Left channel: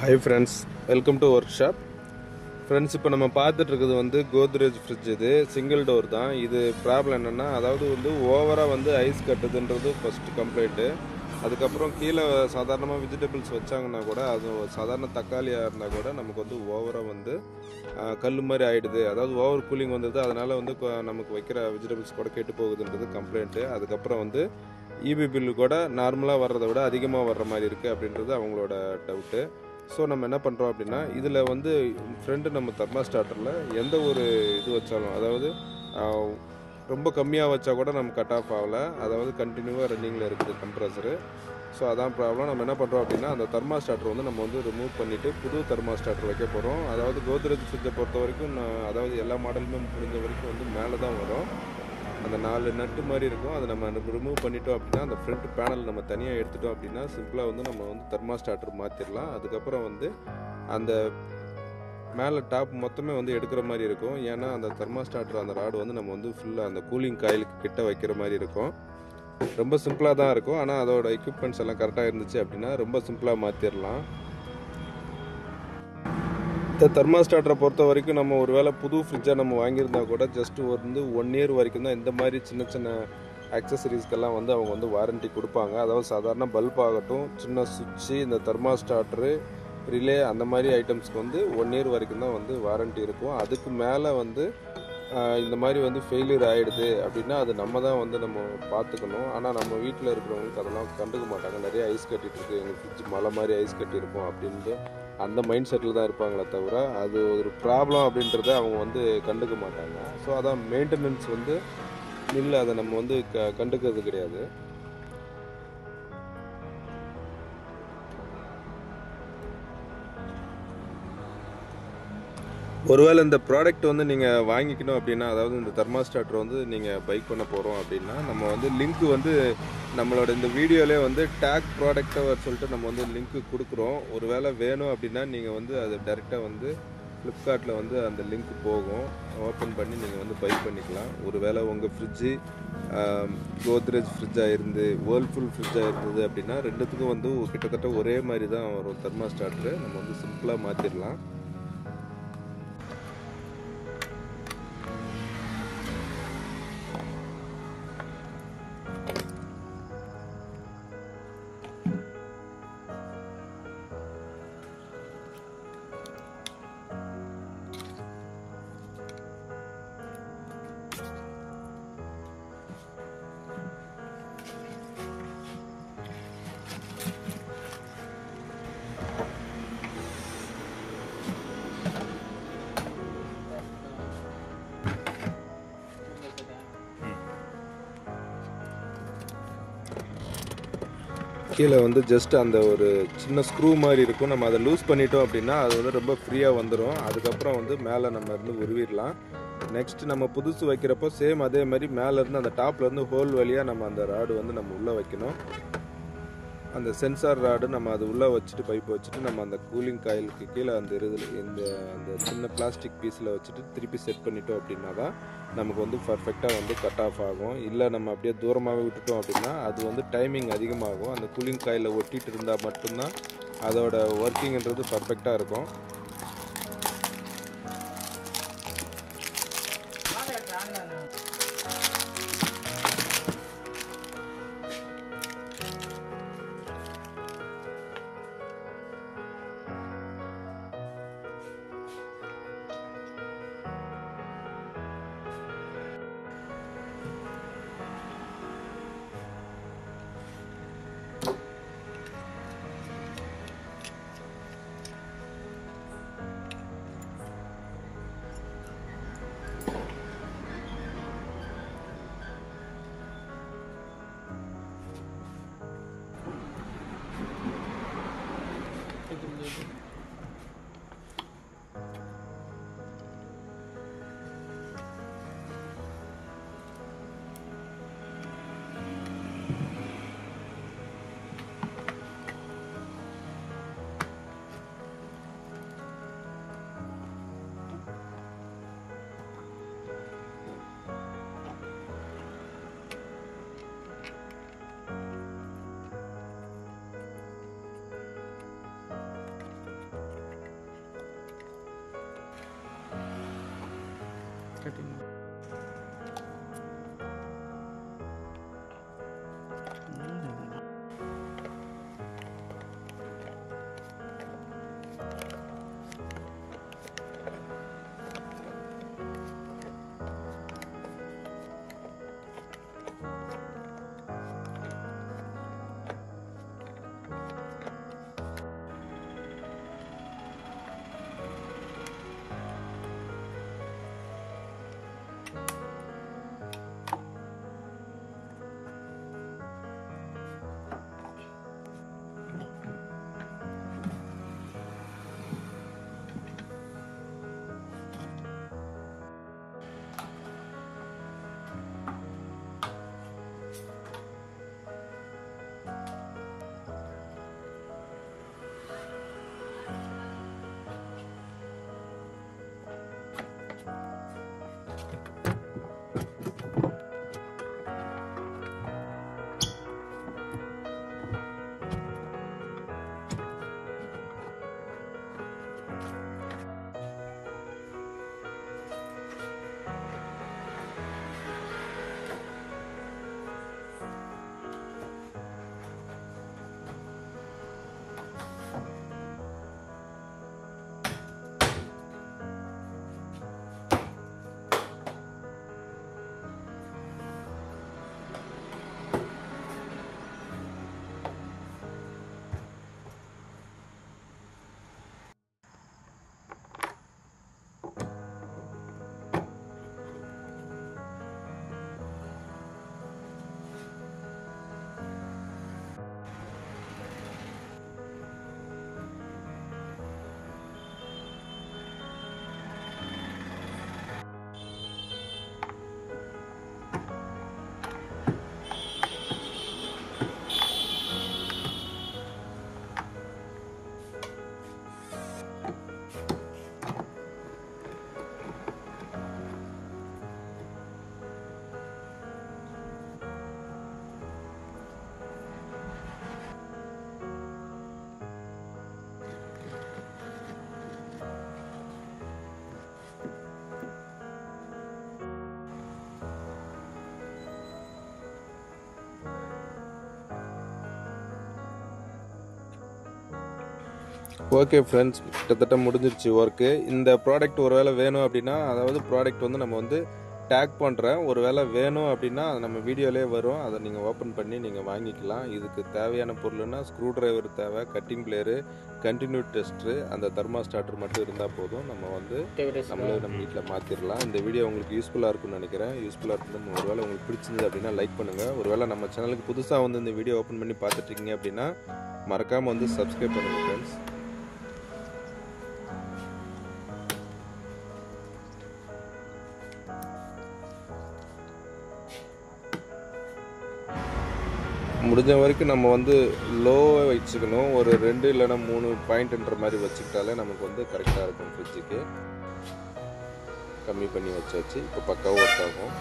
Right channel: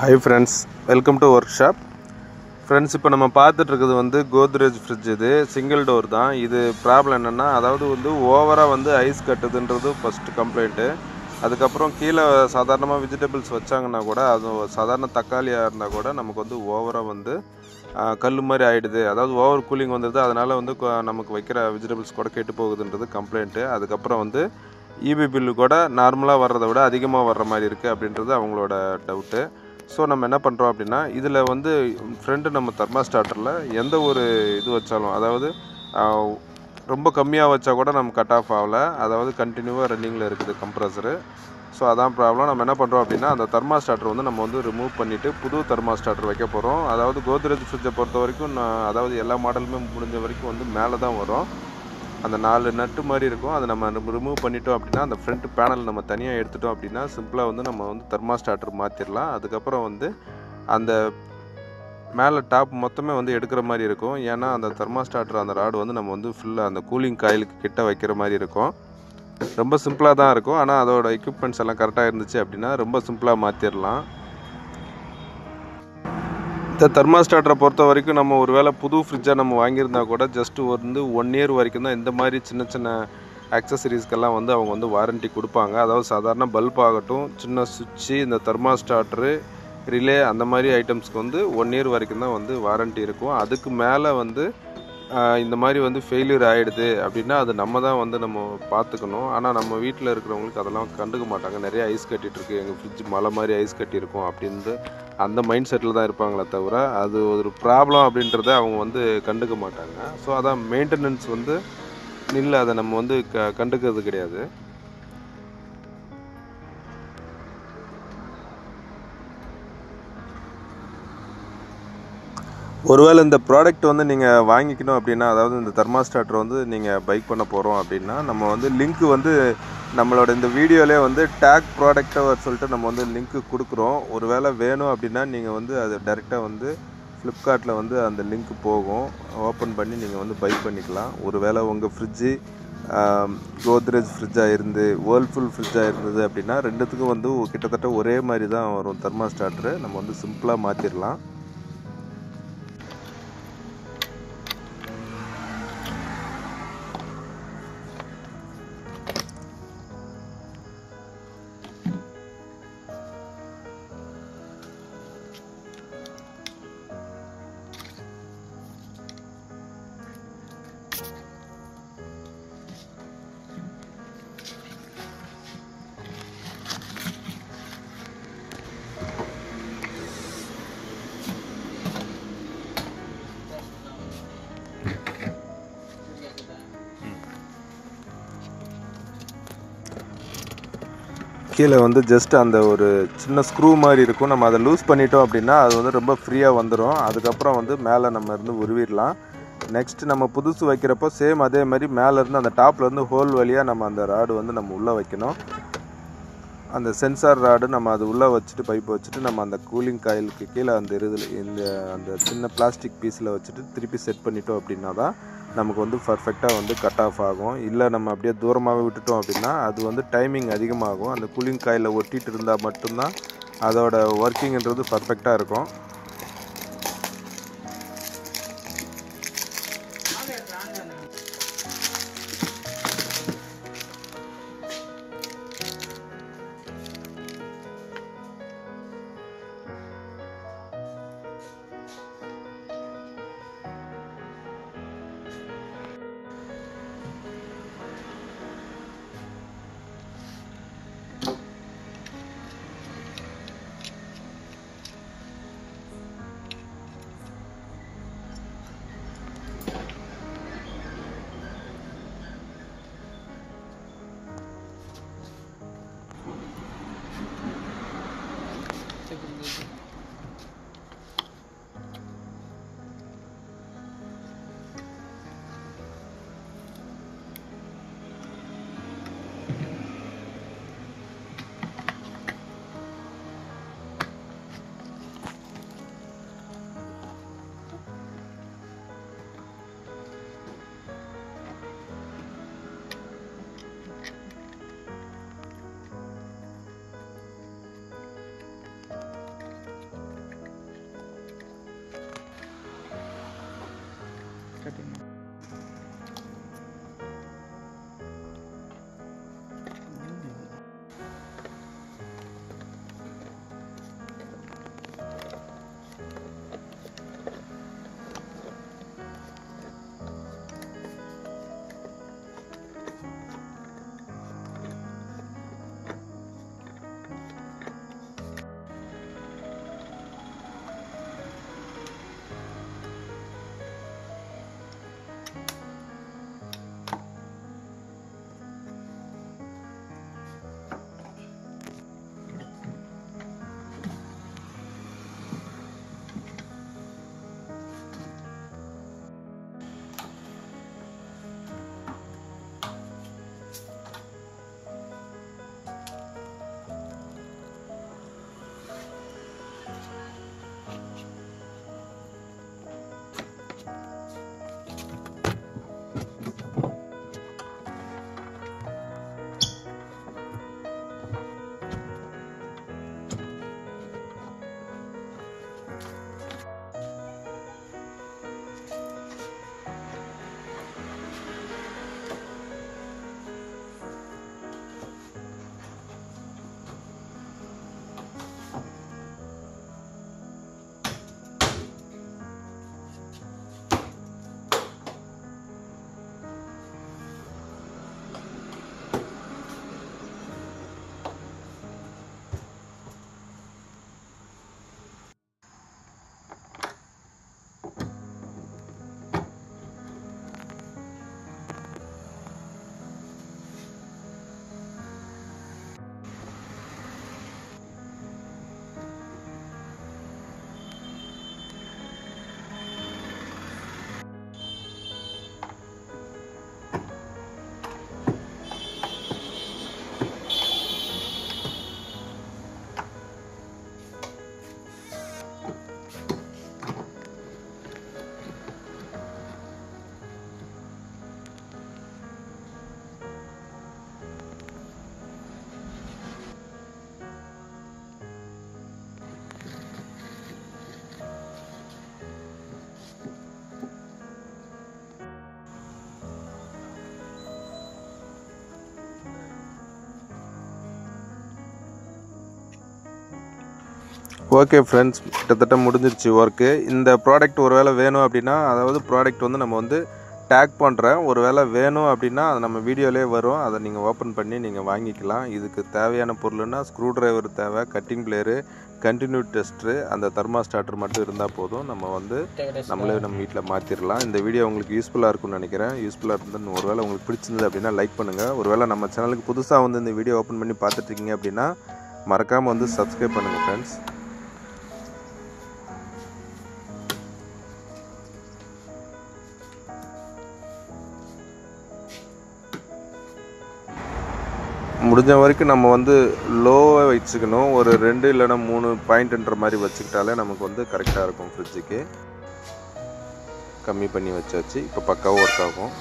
Hi friends, welcome to workshop. Friends, இப்போ நம்ம பார்த்துட்டு இருக்குது வந்து கோத்ரேஜ் ஃப்ரிட்ஜ். இது சிங்கிள் டோர் தான். இது ப்ராப்ளம் என்னென்னா, அதாவது வந்து ஓவராக வந்து ஐஸ் கட்டுதுன்றது ஃபஸ்ட்டு கம்ப்ளைண்ட்டு. அதுக்கப்புறம் கீழே சாதாரணமாக வெஜிடபிள்ஸ் வச்சாங்கன்னா கூட, அது சாதாரண தக்காளியாக இருந்தால் கூட நமக்கு வந்து ஓவராக வந்து கல் மாதிரி ஆகிடுது. அதாவது ஓவர் கூலிங் வந்துடுது. அதனால் வந்து நமக்கு வைக்கிற வெஜிடபிள்ஸ் கூட கெட்டு போகுதுன்றது கம்ப்ளைண்ட்டு. அதுக்கப்புறம் வந்து இபி பில்லு கூட நார்மலாக வர்றதை விட அதிகமாக வர்ற மாதிரி இருக்குது அப்படின்றது அவங்களோட டவுட்டு. ஸோ நம்ம என்ன பண்ணுறோம் அப்படின்னா, இதில் வந்து ஃப்ரெண்டு நம்ம தெர்மாஸ்டார்டரில் எந்த ஒரு இது வச்சாலும், அதாவது ரொம்ப கம்மியாக வச்சா கூட நம்ம கட் ஆஃப் ஆகலை. அதாவது கண்டினியூவாக ரன்னிங்கில் இருக்குது கம்ப்ரஸரு. ஸோ அதான் ப்ராப்ளம். நம்ம என்ன பண்ணுறோம் அப்படின்னா, அந்த தெர்மாஸ்டார்டர் வந்து நம்ம வந்து ரிமூவ் பண்ணிவிட்டு புது தெர்மாஸ்டார்டர் வைக்க போகிறோம். அதாவது கோத்ரேஜ் ஃப்ரிட்ஜை பொறுத்த வரைக்கும் அதாவது எல்லா மாடலுமே முடிஞ்ச வரைக்கும் வந்து மேலே தான் வரும். அந்த 4 நட்டு மாதிரி இருக்கும். அதை நம்ம ரிமூவ் பண்ணிட்டோம் அப்படின்னா, அந்த ஃப்ரண்ட் பேனல் நம்ம தனியாக எடுத்துட்டோம் அப்படின்னா, சிம்பிளாக வந்து நம்ம வந்து தெர்மாஸ்டார்டர் மாற்றிடலாம். அதுக்கப்புறம் வந்து அந்த மேலே டாப் மொத்தமே வந்து எடுக்கிற மாதிரி இருக்கும். ஏன்னா அந்த தெர்மாஸ்டார்டர் அந்த ராடு வந்து நம்ம வந்து ஃபுல்லாக அந்த கூலிங் காயிலுக்கு கிட்ட வைக்கிற மாதிரி இருக்கும். ரொம்ப சிம்பிளாக தான் இருக்கும். ஆனால் அதோட எக்யூப்மெண்ட்ஸ் எல்லாம் கரெக்டாக இருந்துச்சு அப்படின்னா ரொம்ப சிம்பிளாக மாற்றிடலாம். இந்த தெர்மாஸ்டார்டரை பொறுத்த வரைக்கும் நம்ம ஒரு வேளை புது ஃப்ரிட்ஜாக நம்ம வாங்கியிருந்தா கூட ஜஸ்ட்டு வந்து 1 இயர் வரைக்கும் தான் இந்த மாதிரி சின்ன சின்ன ஆக்சசரிஸ்க்கெல்லாம் வந்து அவங்க வந்து வாரண்ட்டி கொடுப்பாங்க. அதாவது சாதாரண பல்ப் ஆகட்டும், சின்ன சுவிட்சு, இந்த தெர்மாஸ்டார்டரு, ரிலே அந்த மாதிரி ஐட்டம்ஸ்க்கு வந்து 1 இயர் வரைக்கும் தான் வந்து வாரண்ட்டி இருக்கும். அதுக்கு மேலே வந்து இந்த மாதிரி வந்து ஃபெயிலியர் ஆகிடுது அப்படின்னா அது நம்ம தான் வந்து நம்ம பார்த்துக்கணும். ஆனால் நம்ம வீட்டில் இருக்கிறவங்களுக்கு அதெல்லாம் கண்டுக்க மாட்டாங்க. நிறைய ஐஸ் கட்டிகிட்ருக்கு, எங்கள் ஃப்ரிட்ஜ் மலை மாதிரி ஐஸ் கட்டியிருக்கும் அப்படின்ட்டு அந்த மைண்ட் செட்டில் தான் இருப்பாங்களே தவிர, அது ஒரு ப்ராப்ளம் அப்படின்றத அவங்க வந்து கண்டுக்க மாட்டாங்க. ஸோ அதான் மெயின்டெனன்ஸ் வந்து இல்லை, அதை நம்ம வந்து கண்டுக்கிறது கிடையாது. ஒருவேளை இந்த ப்ராடக்ட் வந்து நீங்கள் வாங்கிக்கணும் அப்படின்னா, அதாவது இந்த தெர்மாஸ்டார்டர் வந்து நீங்கள் பை பண்ண போகிறோம் அப்படின்னா, நம்ம வந்து லிங்க் வந்து நம்மளோட இந்த வீடியோவிலே வந்து டேக் ப்ராடக்ட்டை சொல்லிட்டு நம்ம வந்து லிங்க்கு கொடுக்குறோம். ஒருவேளை வேணும் அப்படின்னா நீங்கள் வந்து அது டைரெக்டாக வந்து ஃப்ளிப்கார்ட்டில் வந்து அந்த லிங்க் போகும். ஓப்பன் பண்ணி நீங்கள் வந்து பை பண்ணிக்கலாம். ஒருவேளை உங்கள் ஃப்ரிட்ஜு கோத்ரேஜ் ஃப்ரிட்ஜாக இருந்து வேர்ல்ஃபுல் ஃப்ரிட்ஜாக இருந்தது அப்படின்னா, ரெண்டுத்துக்கும் வந்து கிட்டத்தட்ட ஒரே மாதிரி தான் வரும் தெர்மாஸ்டார்டரு. நம்ம வந்து சிம்பிளாக மாற்றிடலாம். கீழே வந்து ஜஸ்ட் அந்த ஒரு சின்ன ஸ்க்ரூ மாதிரி இருக்கும். நம்ம அதை லூஸ் பண்ணிட்டோம் அப்படின்னா அது வந்து ரொம்ப ஃப்ரீயாக வந்துடும். அதுக்கப்புறம் வந்து மேலே நம்ம இருந்து உருவிடலாம். நெக்ஸ்ட் நம்ம புதுசு வைக்கிறப்போ சேம் அதே மாதிரி மேலேருந்து அந்த டாப்லேருந்து ஹோல் வழியாக நம்ம அந்த ராடு வந்து நம்ம உள்ளே வைக்கணும். அந்த சென்சார் ராடு நம்ம அது உள்ளே வச்சுட்டு பைப் வச்சுட்டு நம்ம அந்த கூலிங் காயிலுக்கு கீழே அந்த அந்த சின்ன பிளாஸ்டிக் பீஸில் வச்சுட்டு திருப்பி செட் பண்ணிட்டோம் அப்படின்னா தான் நமக்கு வந்து பர்ஃபெக்டாக வந்து கட் ஆஃப் ஆகும். இல்லை நம்ம அப்படியே தூரமாகவே விட்டுட்டோம் அப்படின்னா அது வந்து டைமிங் அதிகமாகும். அந்த கூலிங் காயிலில் ஒட்டிகிட்டு இருந்தால் மட்டும்தான் அதோட ஒர்க்கிங்ன்றது பர்ஃபெக்டாக இருக்கும். கட்டிடணும். ஓகே ஃப்ரெண்ட்ஸ், கிட்டத்தட்ட முடிஞ்சிருச்சு ஒர்க்கு. இந்த ப்ராடக்ட் ஒரு வேளை வேணும் அப்படின்னா, அதாவது ப்ராடக்ட் வந்து நம்ம வந்து டேக் பண்ணுறேன், ஒரு வேளை வேணும் அப்படின்னா அது நம்ம வீடியோலேயே வரும், அதை நீங்கள் ஓப்பன் பண்ணி நீங்கள் வாங்கிக்கலாம். இதுக்கு தேவையான பொருள்னா ஸ்க்ரூ டிரைவர் தேவை, கட்டிங் பிளேயரு, கண்டினியூ டெஸ்ட்ரு, அந்த தெர்மாஸ்டார்டர் மட்டும் இருந்தால் போதும். நம்ம வந்து நம்மளே நம்ம வீட்டில் மாற்றிடலாம். இந்த வீடியோ உங்களுக்கு யூஸ்ஃபுல்லாக இருக்கும்னு நினைக்கிறேன். யூஸ்ஃபுல்லாக இருந்தால் ஒரு வேளை உங்களுக்கு பிடிச்சிருந்தது அப்படின்னா லைக் பண்ணுங்கள். ஒரு வேளை நம்ம சேனலுக்கு புதுசாக வந்து இந்த வீடியோ ஓப்பன் பண்ணி பார்த்துட்ருக்கீங்க அப்படின்னா மறக்காமல் வந்து சப்ஸ்கிரைப் பண்ணுங்கள் ஃப்ரெண்ட்ஸ். முடிஞ்ச வரைக்கும் நம்ம வந்து லோவாக வச்சுக்கணும். ஒரு 2 இல்லைனா 3 பாயிண்ட்ன்ற மாதிரி வச்சுக்கிட்டாலே நமக்கு வந்து கரெக்டாக இருக்கும். ஃப்ரிட்ஜுக்கு கம்மி பண்ணி வச்சாச்சு. இப்போ பக்காவாக ஒர்க் ஆகும்.